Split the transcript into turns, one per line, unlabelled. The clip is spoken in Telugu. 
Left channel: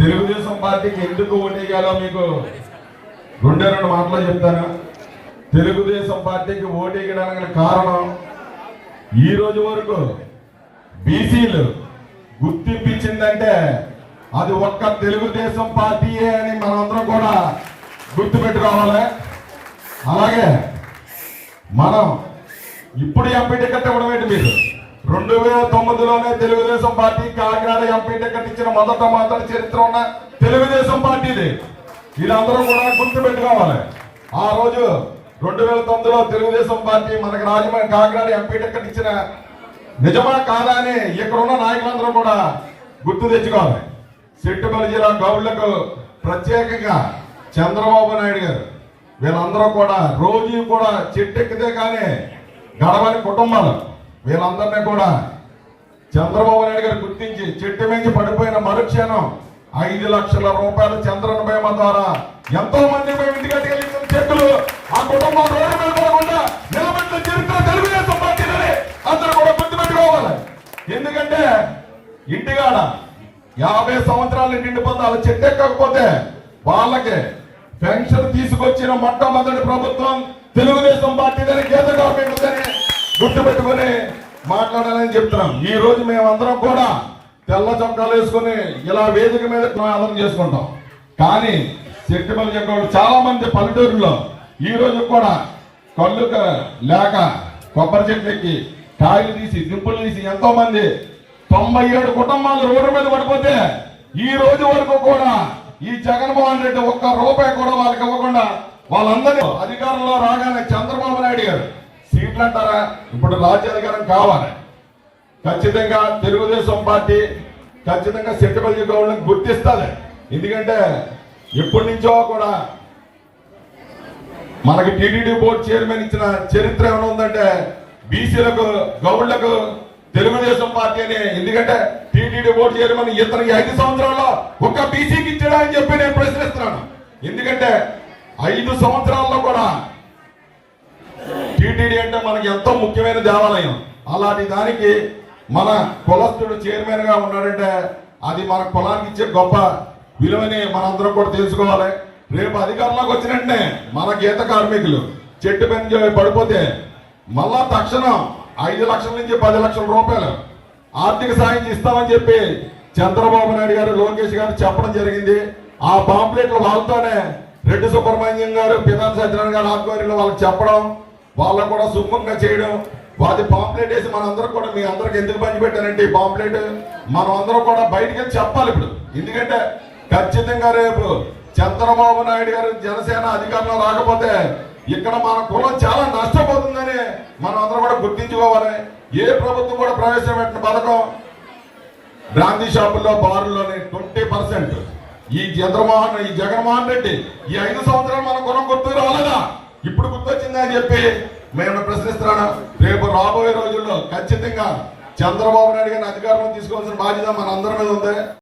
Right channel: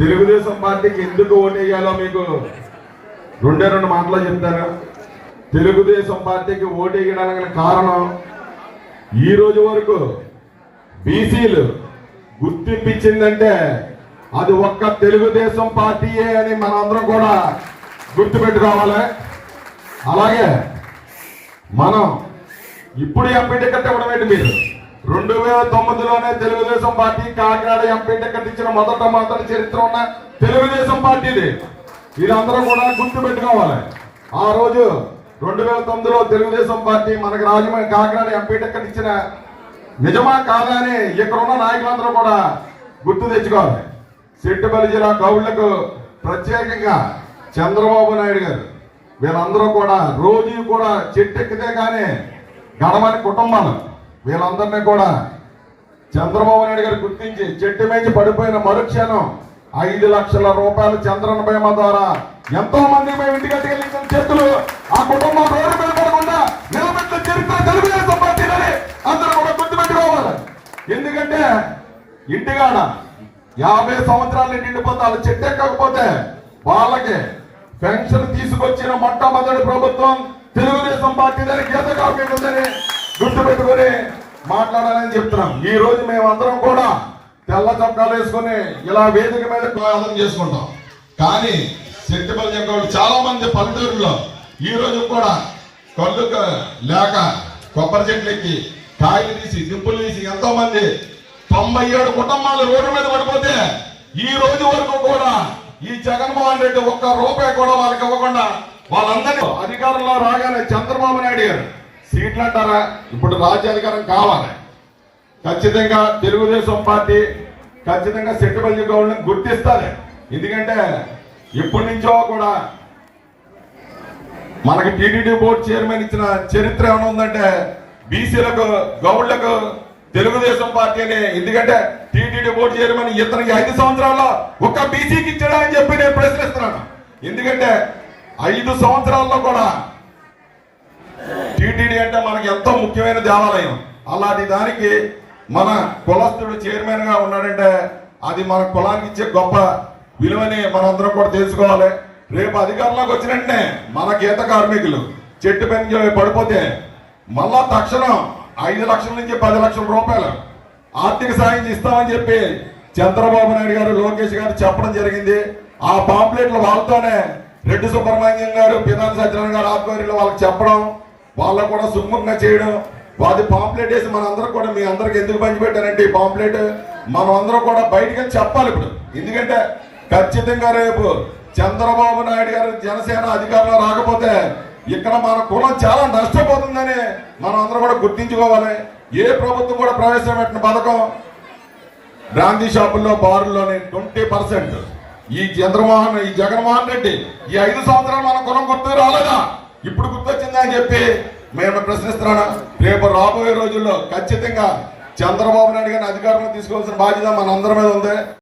తెలుగుదేశం పార్టీకి ఎందుకు ఓటేయాలో మీకు రెండే రెండు మాటలు చెప్తాను. తెలుగుదేశం పార్టీకి ఓటేయడానికి కారణం ఈ రోజు వరకు బీసీలు గుర్తింపించిందంటే అది ఒక్క తెలుగుదేశం పార్టీయే అని మనందరం కూడా గుర్తుపెట్టుకోవాలి. అలాగే మనం ఇప్పుడు ఎంపీ టికెట్ ఇవ్వడం ఏంటి మీరు? రెండు వేల తొమ్మిదిలో Telugu Desam party Kakinada MP ticket ఇచ్చిన మొదట మొదటి చరిత్ర ఉన్న తెలుగుదేశం పార్టీది. వీళ్ళందరూ కూడా గుర్తు పెట్టుకోవాలి ఆ రోజు రెండు వేల తొమ్మిదిలో తెలుగుదేశం పార్టీ మనకి రాజమండ్రి కాకినాడ ఎంపీ టికెట్ ఇచ్చిన నిజమా కాదా అని ఇక్కడ ఉన్న నాయకులందరూ కూడా గుర్తు తెచ్చుకోవాలి. సిట్టుబలి జిల్లా గౌడ్లకు ప్రత్యేకంగా చంద్రబాబు నాయుడు గారు వీళ్ళందరూ కూడా రోజు కూడా చెట్టెక్కితే కానీ గడవని కుటుంబాలు. వీళ్ళందరినీ కూడా చంద్రబాబు నాయుడు గారు గుర్తించి చెట్టు మీద పడిపోయిన మరుక్షణం ఐదు లక్షల రూపాయలు చంద్రన బీమా ద్వారా ఎంతో మంది మేము ఇంటికి వెళ్ళిన చెట్లు ఆ కుటుంబం రోడ్డు మీద పడకుండా నిలబెట్టిన చరిత్ర తెలుగుదేశం పార్టీలని అందరూ కూడా గుర్తుపెట్టుకోవాలి. ఎందుకంటే ఇంటికాడ యాభై సంవత్సరాలు నిండిపోతే వాళ్ళు చెట్టు ఎక్కకపోతే వాళ్ళకి పెన్షన్ తీసుకొచ్చిన మొట్టమొదటి ప్రభుత్వం తెలుగుదేశం పార్టీ దాన్ని గీత కాకుండా గుర్తుపెట్టుకొని మాట్లాడాలని చెప్తున్నాం. ఈ రోజు మేమందరం కూడా తెల్ల చొక్కాలు వేసుకుని ఇలా వేదిక మీద ఆదరణ చేసుకుంటాం. కానీ సెట్టిపల్లి చెప్పేవాళ్ళు చాలా మంది పల్లెటూరులో ఈ రోజు కూడా కళ్ళు లేక కొబ్బరి చెట్లు ఎక్కి కాయలు తీసి దింపులు తీసి ఎంతో మంది తొంభై ఏడు కుటుంబాలు రోడ్డు మీద పడిపోతే ఈ రోజు వరకు కూడా ఈ జగన్మోహన్ రెడ్డి ఒక్క రూపాయి కూడా వాళ్ళకి ఇవ్వకుండా వాళ్ళందరినీ అధికారంలో రాగానే చంద్రబాబు నాయుడు గారు సీట్లు అంటారా ఇప్పుడు రాజ్యాధికారం కావాలి. ఖచ్చితంగా తెలుగుదేశం పార్టీ ఖచ్చితంగా సెట్టుబడి గవర్నమెంట్ గుర్తిస్తుంది. ఎందుకంటే ఎప్పటి నుంచో కూడా మనకి టీడీడీ బోర్డు చైర్మన్ ఇచ్చిన చరిత్ర ఏమైనా ఉందంటే బీసీలకు గౌడ్లకు తెలుగుదేశం పార్టీ అని ఎందుకంటే టీటీడీ బోర్డు చైర్మన్ ఇతనికి ఐదు సంవత్సరాల్లో ఒక్క బీసీకి ఇచ్చాడని చెప్పి నేను ప్రశ్నిస్తున్నాను. ఎందుకంటే ఐదు సంవత్సరాల్లో కూడా టీటీడీ అంటే మనకి ఎంతో ముఖ్యమైన దేవాలయం. అలాంటి దానికి మన కులస్తుడు చైర్మన్గా ఉన్నాడంటే అది మన కులానికి ఇచ్చే గొప్ప విలువని మనందరం కూడా తెలుసుకోవాలి. రేపు అధికారంలోకి వచ్చిన వెంటనే మన గీత కార్మికులు చెట్టు పెంచి పడిపోతే మళ్ళా తక్షణం ఐదు లక్షల నుంచి పది లక్షల రూపాయలు ఆర్థిక సాయం ఇస్తామని చెప్పి చంద్రబాబు నాయుడు గారు లోకేష్ గారు చెప్పడం జరిగింది. ఆ పాంప్లెట్లు వాళ్ళతోనే రెడ్డి సుబ్రహ్మణ్యం గారు పినా సత్యనారాయణ గారు ఆధ్వర్యంలో వాళ్ళకి చెప్పడం వాళ్ళకు కూడా సుముఖంగా చేయడం వాటి పాంప్లెట్ వేసి మన కూడా మీ అందరికి ఎందుకు పంచిపెట్టానండి ఈ పాంప్లెట్ మనం కూడా బయటికి వెళ్ళి చెప్పాలి ఇప్పుడు. ఎందుకంటే ఖచ్చితంగా రేపు చంద్రబాబు నాయుడు గారు జనసేన అధికారంలో రాకపోతే ఇక్కడ మన కులం చాలా నష్టపోతుందని మనం అందరం కూడా గుర్తించుకోవాలి. ఏ ప్రభుత్వం కూడా ప్రవేశపెట్టిన పథకం బ్రాందీ షాపుల్లో బారుల్లోని ట్వంటీ పర్సెంట్. ఈ చంద్రమోహన్ ఈ జగన్మోహన్ రెడ్డి ఈ ఐదు సంవత్సరాలు మన కులం గుర్తు రాలేదా? ఇప్పుడు గుర్తొచ్చిందా అని చెప్పి మేము ప్రశ్నిస్తున్నాను రేపు రాబోయే రోజుల్లో ఖచ్చితంగా చంద్రబాబు నాయుడు గారిని అధికారంలో తీసుకోవాల్సిన బాధ్యత మన అందరి మీద ఉంది.